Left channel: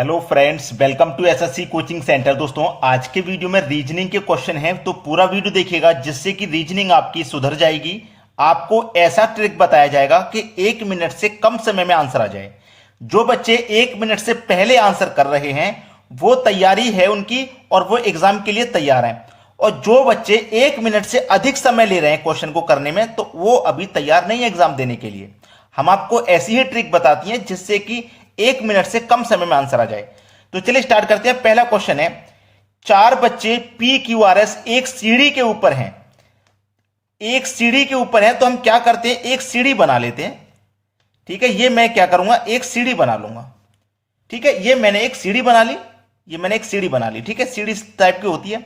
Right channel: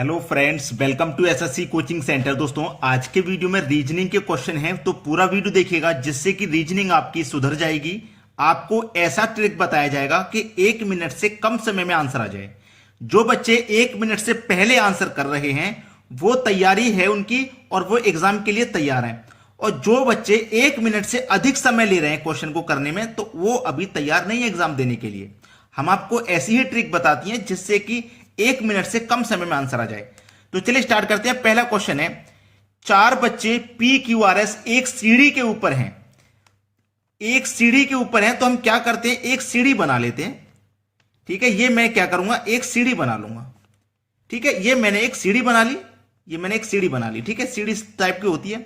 Hello friends, welcome to SSC coaching centre. दोस्तों, आज के वीडियो में रीजनिंग के क्वेश्चन हैं, तो पूरा वीडियो देखिएगा जिससे कि रीजनिंग आपकी सुधर जाएगी। आपको ऐसा ट्रिक बताया जाएगा कि 1 मिनट से कम समय में आंसर आ जाए। जो बच्चे 1 मिनट से पहले आंसर कर रहे हैं वो तैयारी है उनकी और वो एग्जाम के लिए तैयार हैं, और जो बच्चे 1 मिनट से अधिक समय ले रहे हैं क्वेश्चन को करने में तो वो अभी तैयार नहीं है एग्जाम देने के लिए। हम आपको ऐसी ही ट्रिक बताती हैं जिससे कि 1 मिनट से कम समय में आंसर आ जाए। तो चलिए स्टार्ट करते हैं। पहला क्वेश्चन है, 4 बच्चे PQRS एक सीढ़ी के ऊपर हैं। एक सीढ़ी के ऊपर है तो हम क्या करते हैं, एक सीढ़ी बना लेते हैं। ठीक है, ये मैं क्या करूंगा, एक सीढ़ी बना लूंगा। ठीक है, ये मैंने एक सीढ़ी बना ली, ये मैंने एक सीढ़ी बना ली। ठीक है, सीढ़ी इस टाइप की होती है।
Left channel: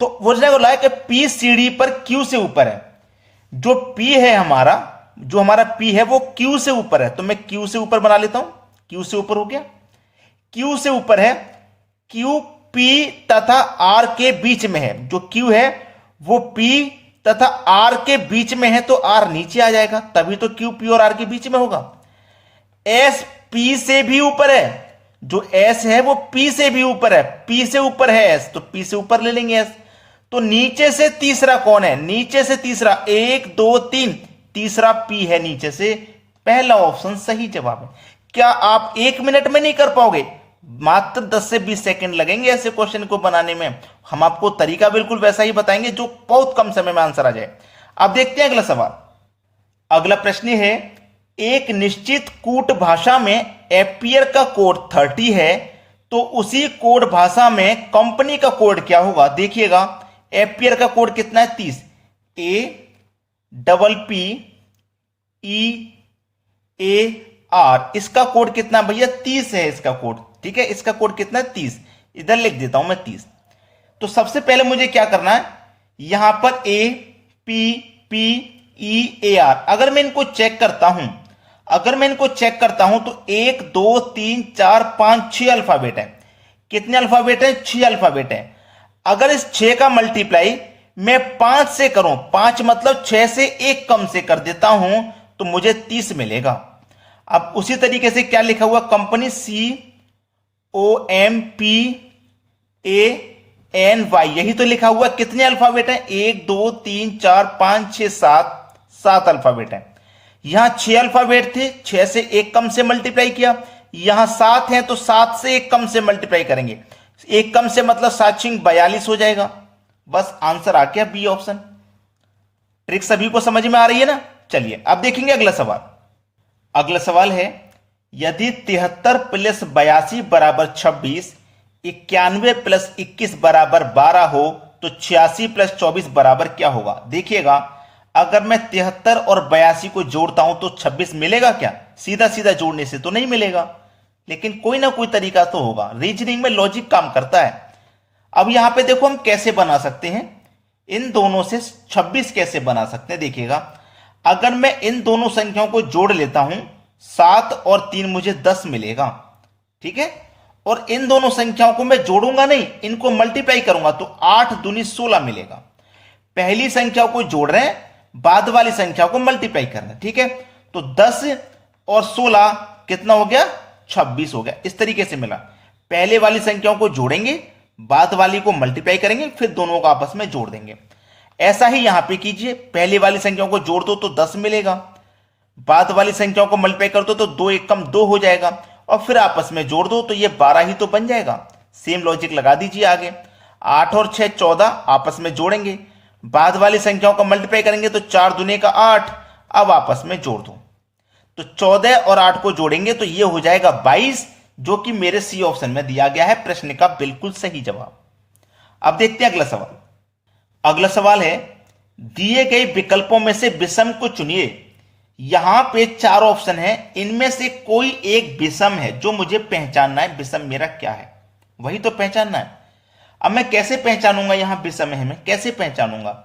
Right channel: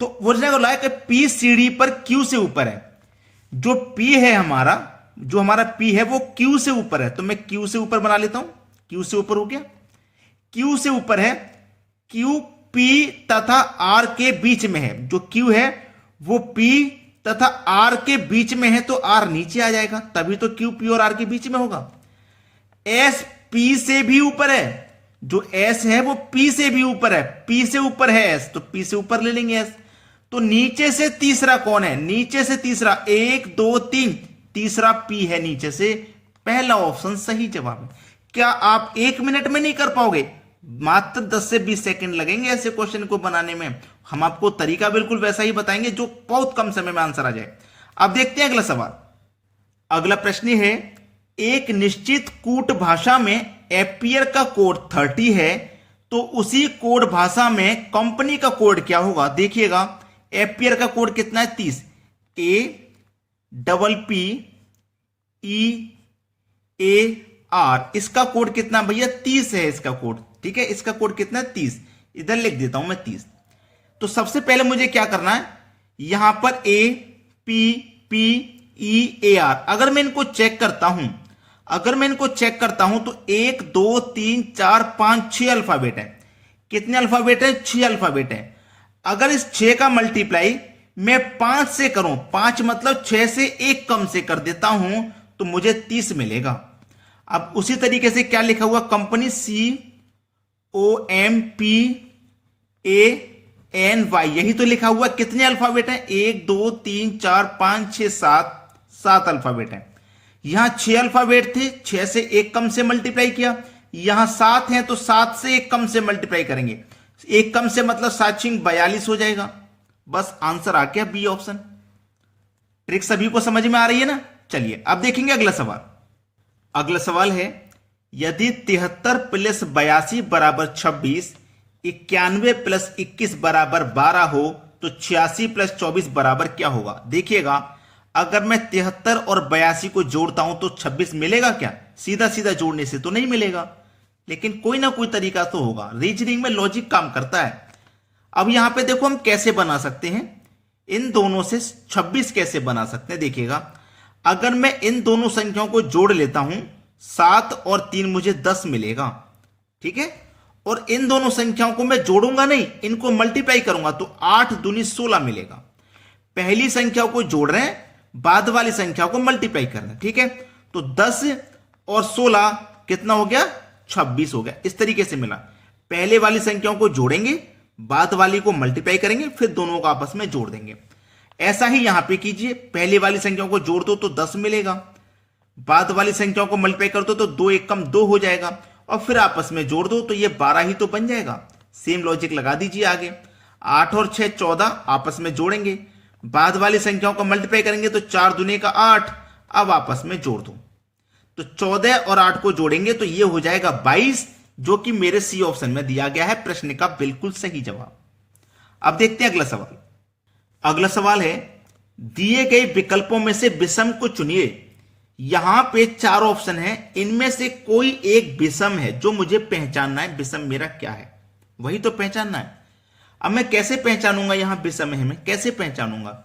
तो वो बोला है कि P सीढ़ी पर Q से ऊपर है। जो P है हमारा, जो हमारा P है वो Q से ऊपर है, तो मैं Q से ऊपर बना लेता हूं। Q से ऊपर हो गया, Q से ऊपर है। Q P तथा R के बीच में है। जो Q है वो P तथा R के बीच में है, तो R नीचे आ जाएगा, तभी तो Q P और R के बीच में होगा। S P से भी ऊपर है। जो S है वो P से भी ऊपर है, P से ऊपर है S, तो P से ऊपर ले लेंगे S। तो नीचे से तीसरा कौन है, नीचे से तीसरा 1 2 3, तीसरा P है नीचे से। पहला ऑप्शन सही जवाब है। क्या आप 1 मिनट में नहीं कर पाओगे? मात्र 10 से 20 सेकंड लगेंगे ऐसे क्वेश्चन को बनाने में। हम आपको तरीका बिल्कुल वैसा ही बताएंगे जो बहुत कम समय में आंसर आ जाए। अब देखते हैं अगला सवाल। अगला प्रश्न है, एक निश्चित कूट भाषा में एम्पियर का कोड 30 है, तो उसी कोड भाषा में कंपनी का कोड क्या होगा? देखिएगा, एम्पियर का कोड कितना है? 30। APPEAR, इसका कोड कितना भैया? 30 है इसका कोड। ठीक है, इसका कोड कितना है? 30। इधर लिख देता हूं मैं 30। तो सबसे पहले मुझे क्या करना है, यहां पर APPEAR, अगर मैं इनको चेक करता हूं तो 1 2 3 4 5 6 अल्फाबेट है। कितने अल्फाबेट है? 6 अल्फाबेट है। अगर इस 6 का मल्टीप्लाई मैं 5 से करूं, 5 मतलब 6 से 1 कम से कर देता हूं, तो मुझे 30 मिलेगा। अब उसी तरीके से क्या लिखा हुआ, कंपनी COMPANY, यही तो लिखा हुआ। कितने अल्फाबेट हैं? 1 2 3 4 5 6 7 अल्फाबेट है। यहां 6 अल्फाबेट थे, 6 से 1 कम से मल्टीप्लाई किया। यहां 7 हैं तो 7 से 1 कम से मल्टीप्लाई करेंगे। 1 कम से मतलब 7 42 हो जाएगा। बस आंसर आ गया, बी ऑप्शन। ट्रिक सभी को समझ में आ रही है ना? चलिए अब देखेंगे अगला सवाल। अगला सवाल है, यदि 73 प्लस 82 बराबर 26, 91 प्लस 21 बराबर 12 हो, तो 86 प्लस 24 बराबर क्या होगा? देखिएगा, अगर मैं 73 और 82 को जोड़ता हूं तो 26 मिलेगा क्या? सीधा सीधा जोड़ने से तो नहीं मिलेगा, लेकिन कोई ना कोई तरीका तो होगा। रीजनिंग में लॉजिक काम करता है। अब यहां पे देखो हम कैसे बना सकते हैं, इन दोनों से 26 कैसे बना सकते हैं। देखिएगा, अगर मैं इन दोनों संख्याओं को जोड़ लेता हूं, 7 और 3 मुझे 10 मिलेगा। ठीक है, और इन दोनों संख्याओं को मैं जोड़ूंगा नहीं, इनको मल्टीप्लाई करूंगा, तो 8 दूनी 16 मिलेगा। पहली संख्या को जोड़ रहे हैं, बाद वाली संख्या को मल्टीप्लाई कर रहे हैं। ठीक है, तो 10 और 16 कितना हो गया? 26 हो गया। इस तरीके से मिला। पहले वाली संख्याओं को जोड़ेंगे, बाद वाली को मल्टीप्लाई करेंगे, फिर दोनों को आपस में जोड़ देंगे। ऐसा ही यहां पे कीजिए, पहले वाली संख्याओं को जोड़ दो तो 10 मिलेगा, बाद वाली संख्याओं को मल्टीप्लाई कर दो तो 2 1 कम 2 हो जाएगा, और फिर आपस में जोड़ दो तो ये 12 ही तो बन जाएगा। सेम लॉजिक लगा दीजिए आगे। 8 और 6 14, आपस में जोड़ेंगे, बाद वाली संख्याओं को मल्टीप्लाई करेंगे तो 4 दूने का 8, अब आपस में जोड़ दो तो 14 और 8 को जोड़ेंगे तो ये हो जाएगा 22, जो कि मेरे सी ऑप्शन में दिया गया है प्रश्न का बिल्कुल सही जवाब। अब देखते हैं अगला सवाल। अगला सवाल है, दिए गए विकल्पों में से विषम को चुनिए। यहां पे 4 ऑप्शन है, इनमें से कोई एक विषम है जो मुझे पहचानना है। विषम मेरा क्या है वही तो पहचानना है। अब मैं कैसे पहचानूंगा यहां विषम है, मैं कैसे पहचानूंगा?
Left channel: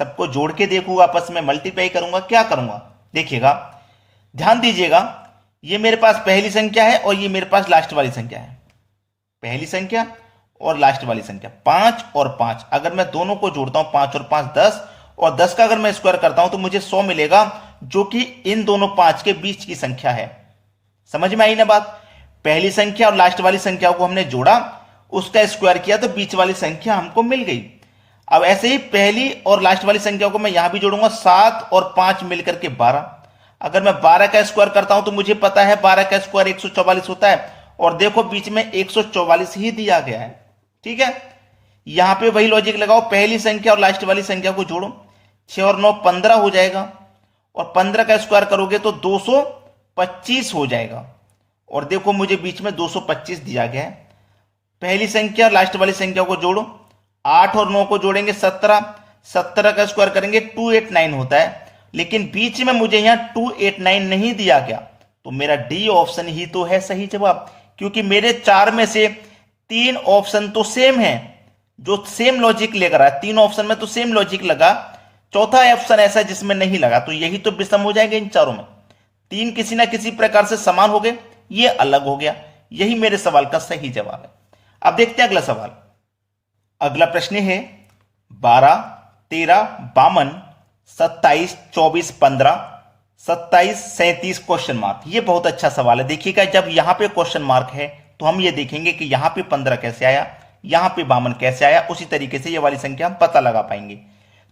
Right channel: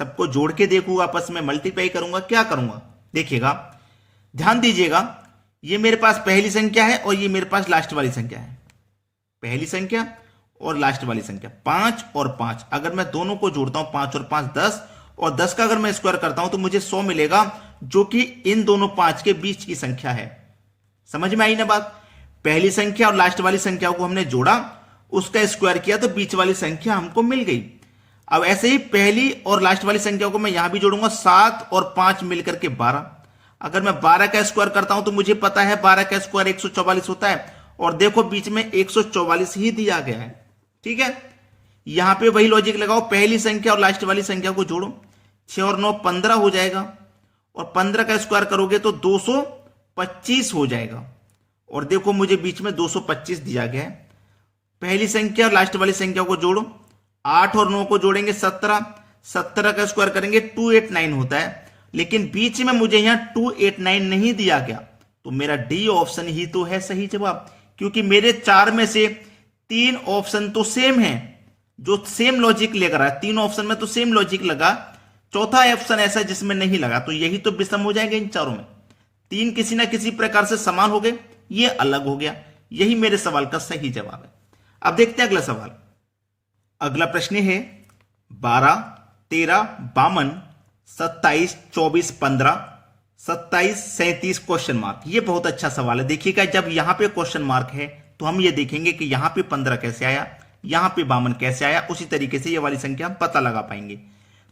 सबको जोड़ के देखूंगा, आपस में मल्टीप्लाई करूंगा, क्या करूंगा? देखिएगा, ध्यान दीजिएगा, ये मेरे पास पहली संख्या है और ये मेरे पास लास्ट वाली संख्या है। पहली संख्या और लास्ट वाली संख्या 5 और 5, अगर मैं दोनों को जोड़ता हूं 5 और 5 10, और 10 का अगर मैं स्क्वायर करता हूं तो मुझे 100 मिलेगा, जो कि इन दोनों 5 के बीच की संख्या है। समझ में आई ना बात? पहली संख्या और लास्ट वाली संख्या को हमने जोड़ा, उसका स्क्वायर किया तो बीच वाली संख्या हमको मिल गई। अब ऐसे ही पहली और लास्ट वाली संख्या को मैं यहां भी जोड़ूंगा, 7 और 5 मिलकर के 12। अगर मैं 12 का स्क्वायर करता हूं तो मुझे पता है 12 का स्क्वायर 144 होता है, और देखो बीच में 144 ही दिया गया है। ठीक है, यहां पे वही लॉजिक लगाओ, पहली संख्या और लास्ट वाली संख्या को जोड़ो, 6 और 9 15 हो जाएगा, और 15 का स्क्वायर करोगे तो 225 हो जाएगा, और देखो मुझे बीच में 225 दिया गया है। पहली संख्या और लास्ट वाली संख्या को जोड़ो, 8 और 9 को जोड़ेंगे 17, 17 का स्क्वायर करेंगे 289 होता है, लेकिन बीच में मुझे यहां 289 नहीं दिया गया, तो मेरा डी ऑप्शन ही तो है सही जवाब, क्योंकि मेरे 4 में से 3 ऑप्शन तो सेम है, जो सेम लॉजिक लेकर आया, 3 ऑप्शन में तो सेम लॉजिक लगा, चौथा ऑप्शन ऐसा जिसमें नहीं लगा, तो यही तो विषम हो जाएगा इन चारों में। 3 किसी ना किसी प्रकार से समान हो गए, ये अलग हो गया, यही मेरे सवाल का सही जवाब है। अब देखते हैं अगला सवाल। अगला प्रश्न है 12, 13, 52, 27, 24, 15, 27, 37 क्वेश्चन मार्क। ये बहुत अच्छा सवाल है। देखिएगा, जब यहां पे क्वेश्चन मार्क है तो हम ये देखेंगे कि यहां पे 15 कैसे आया, यहां पे 52 कैसे आया, उसी तरीके से ये वाली संख्या हम पता लगा पाएंगे।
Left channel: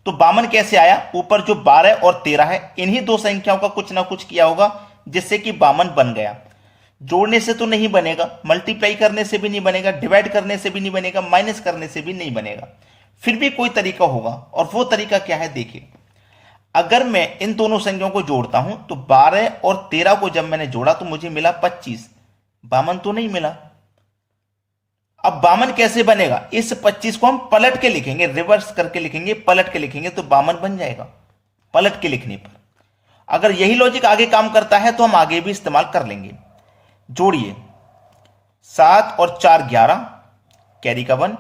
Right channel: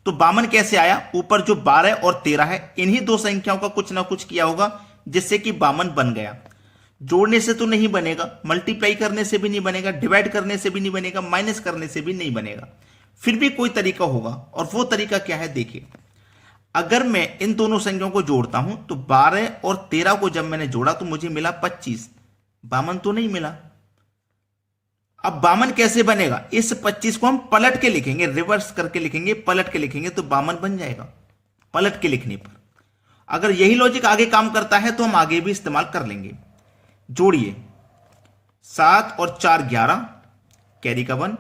तो 52 कैसे आया, ऊपर जो 12 और 13 है, इन्हीं दो संख्याओं का कुछ ना कुछ किया होगा जिससे कि 52 बन गया। जोड़ने से तो नहीं बनेगा, मल्टीप्लाई करने से भी नहीं बनेगा, डिवाइड करने से भी नहीं बनेगा, माइनस करने से भी नहीं बनेगा, फिर भी कोई तरीका होगा, और वो तरीका क्या है देखिए। अगर मैं इन दोनों संख्याओं को जोड़ता हूं तो 12 और 13 को जब मैंने जोड़ा तो मुझे मिला 25, 52 तो नहीं मिला। अब 52 कैसे बनेगा, इस 25 को हम पलट के लिखेंगे, रिवर्स करके लिखेंगे, पलट के लिखेंगे तो 52 बन जाएगा पलट के लिखने पर। अगर यही लॉजिक आगे काम करता है तो हम आगे भी इस्तेमाल कर लेंगे। जोड़िए, 7 और 4 11, कैरी का 1,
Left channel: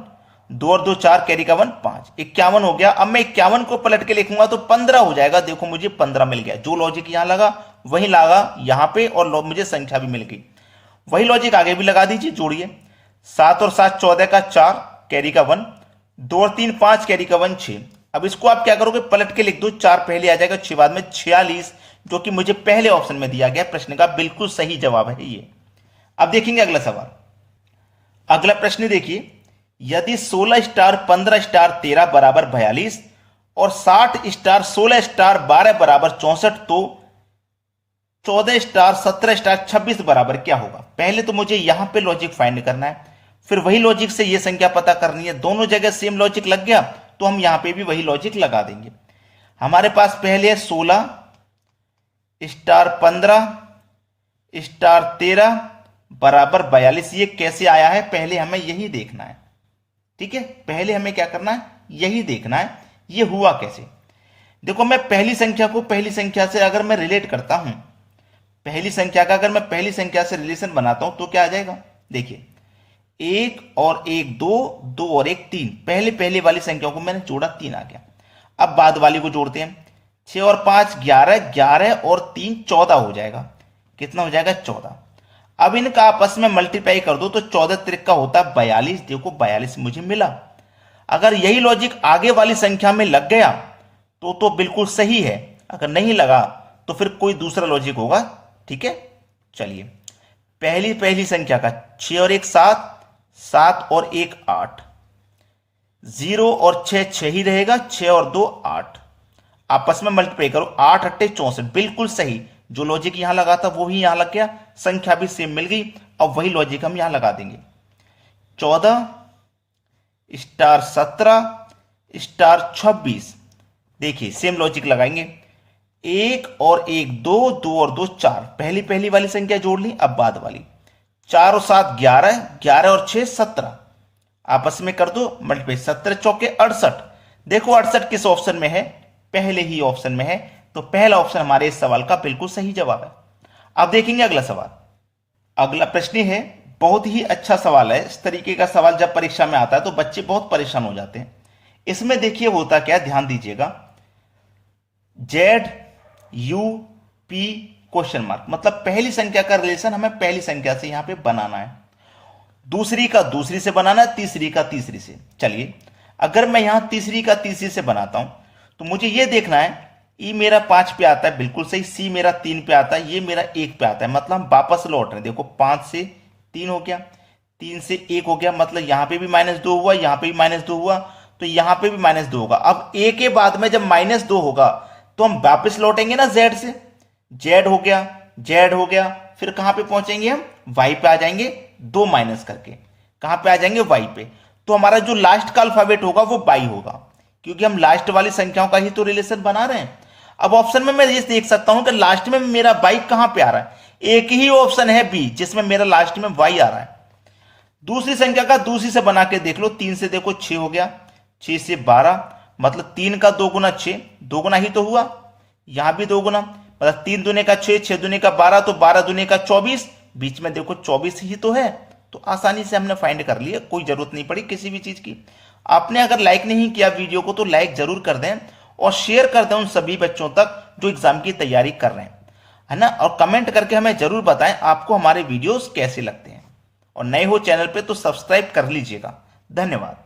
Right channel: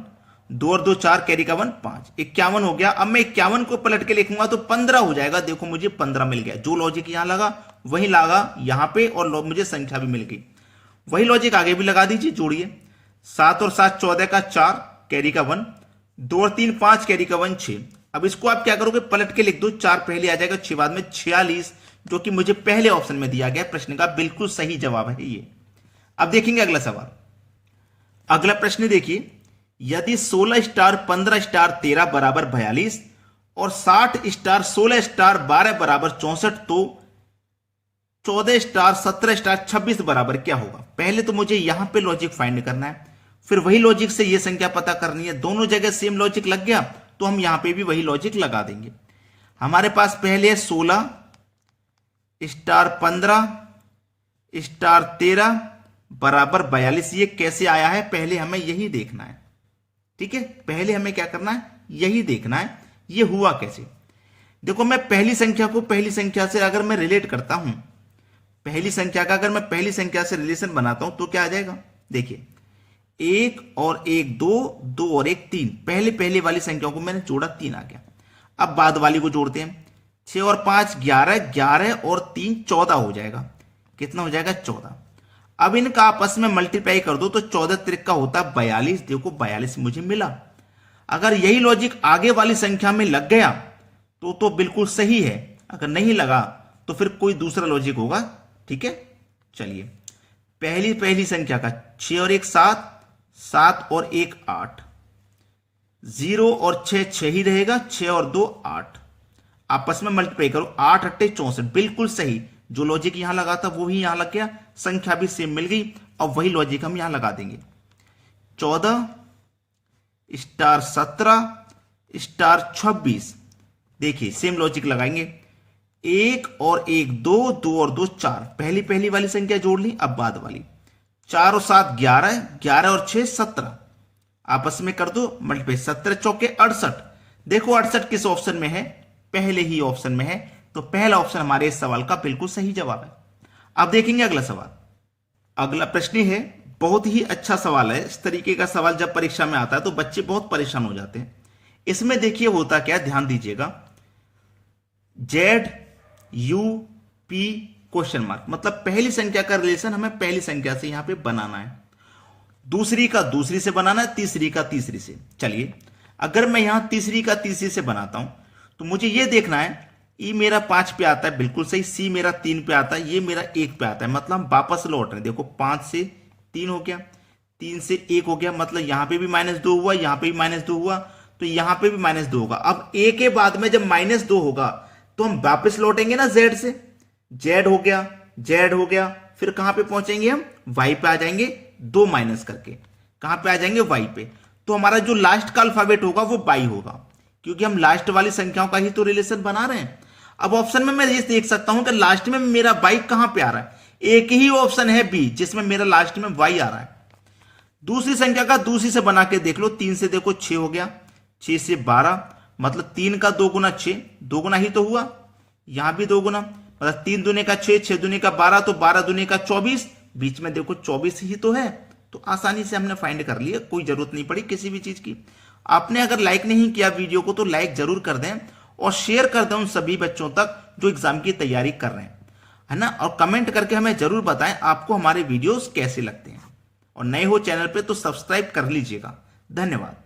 2 और 2 4, कैरी का 1 5, 51 हो गया। अब मैं 51 को पलट के लिखूंगा तो 15 हो जाएगा। देखो मुझे 15 मिल गया, जो लॉजिक यहां लगा वही लगा यहां पे, और मुझे संख्या भी मिल गई। वही लॉजिक आगे भी लगा दीजिए। जोड़िए, 7 और 7 14 का 4, कैरी का 1, 2 और 3 5, कैरी का 1 6। अब इसको आप क्या करोगे, पलट के लिख दो, 4 पहले आ जाएगा, 6 बाद में, 46, जो कि मुझे पहले ऑप्शन में दिया गया प्रश्न का बिल्कुल सही जवाब है ये। अब देखेंगे अगला सवाल। अगला प्रश्न देखिए, यदि 16 स्टार 15 स्टार 13 बराबर 42 और 60 स्टार 16 स्टार 12 बराबर 64, तो 14 स्टार 17 स्टार 26 बराबर क्या होगा। पहले तो मुझे यहां पे लॉजिक फाइंड करना है, फिर वही लॉजिक से ये संख्या पता करनी है। दोनों जगह सेम लॉजिक लग गया तो हम यहां पे भी वही लॉजिक लगा देंगे। हमारे पास पहले 16 स्टार 15 स्टार 13 बराबर 42, ये कैसे आया है पहले हमें यही देखना है। ठीक है, पहले हमें क्या करना है, यही देखना है ये हुआ कैसे। देखो, मैं पहली संख्या को पहली संख्या से अगर मैं रिलेट करता हूं, पहली संख्या का अगर मैं पहली संख्या से रिलेशन बनाता हूं तो क्या आ जाएगा। देखिए, 1 और 1 2, 2 और 1 3, पहले पहले वाली संख्या को मैंने जोड़ा, 3 आ गया। अब बाद वाली को जोड़ते हैं, 6 और 5 11, 11 और 3 14 हो जाएगा। कितना हो जाएगा, 14। अब इनका आपस में मल्टीप्लाई कर दो तो 14 त्रिक होता है 42। देखो 42 मुझे मिला। अगर यही लॉजिक आगे वाली संख्या में लग गया तो बिल्कुल सही है, अगर नहीं लगा तो फिर कोई दूसरा लॉजिक होगा। ठीक है, चलिए, पहली संख्या का 6 और 1 7, 7 और 1 8, 0 और 6 6 ही रहेगा, 6 और 2 8, आपस में मल्टीप्लाई करो, 8 8 64, बिल्कुल सही। जो लॉजिक यहां लगा था वो ही यहां लग गया, संख्या भी सेम मिल गई। अब वही लॉजिक हम यहां लगा देंगे, 14 स्टार 17 स्टार 26। देखिए सेम लॉजिक लगाएंगे, 1 और 1 2, 2 और 2 4, पहली वाली संख्या जोड़ ली। अब बाद वाली, 4 और 7 11, 11 और 6 17, आपस में कर दो मल्टीप्लाई, 17 चौके 68। देखो 68 किस ऑप्शन में है, पहले ही ऑप्शन में है, तो पहला ऑप्शन हमारे इस सवाल का बिल्कुल सही जवाब है। अब देखेंगे अगला सवाल। अगला प्रश्न है, बहुत ही अच्छा सवाल है। इस तरीके का सवाल जब परीक्षा में आता है तो बच्चे बहुत परेशान हो जाते हैं। इसमें देखिए होता क्या, ध्यान दीजिएगा, ZUP क्वेश्चन मार्क, मतलब पहली संख्या का रिलेशन हमें पहली संख्या से यहां पे बनाना है, दूसरी का दूसरी से बनाना है, तीसरी का तीसरी से। चलिए, अगर मैं यहां तीसरी का तीसरी से बनाता हूं तो मुझे यह देखना है, ई मेरा 5 पे आता है, बिल्कुल सही, सी मेरा 3 पे आता है, ये मेरा 1 पे आता है, मतलब हम वापस लौट रहे हैं। देखो 5 से 3 हो गया, 3 से 1 हो गया, मतलब यहां पे भी -2 हुआ, यहां पे भी -2 हुआ, तो यहां पे भी -2 होगा। अब a के बाद में जब -2 होगा तो हम वापस लौटेंगे ना z से, z हो गया, z हो गया, फिर कहां पे पहुंचेंगे हम, y पे आ जाएंगे, 2 माइनस करके कहां पे आ जाएंगे, y पे। तो हमारा जो लास्ट का अल्फाबेट होगा वो y होगा, क्योंकि हम लास्ट वाली संख्याओं का ही तो रिलेशन बना रहे हैं। अब ऑप्शन में मैं ये देख सकता हूं कि लास्ट में मेरा y कहां पे आ रहा है, एक ही ऑप्शन है बी जिसमें मेरा लास्ट में y आ रहा है। दूसरी संख्या का दूसरी से बना के देख लो, 3 से देखो 6 हो गया, 6 से 12, मतलब 3 का 2 गुना 6, 2 गुना ही तो हुआ, यहां भी 2 गुना, मतलब 3 दूने का 6, 6 दूने का 12, तो 12 दूने का 24, बीच में देखो 24 ही तो है। तो आसानी से हमने फाइंड कर लिया, कोई जरूरत नहीं पड़ी किसी भी चीज की। आपने अगर लाइक नहीं किया वीडियो को तो लाइक जरूर कर दें और शेयर कर दें उन सभी बच्चों तक जो एग्जाम की तैयारी कर रहे हैं, है ना। और कमेंट करके हमें जरूर बताएं आपको हमारे वीडियोस कैसे लगते हैं, और नए हो चैनल पे तो सब्सक्राइब कर लीजिएगा। धन्यवाद।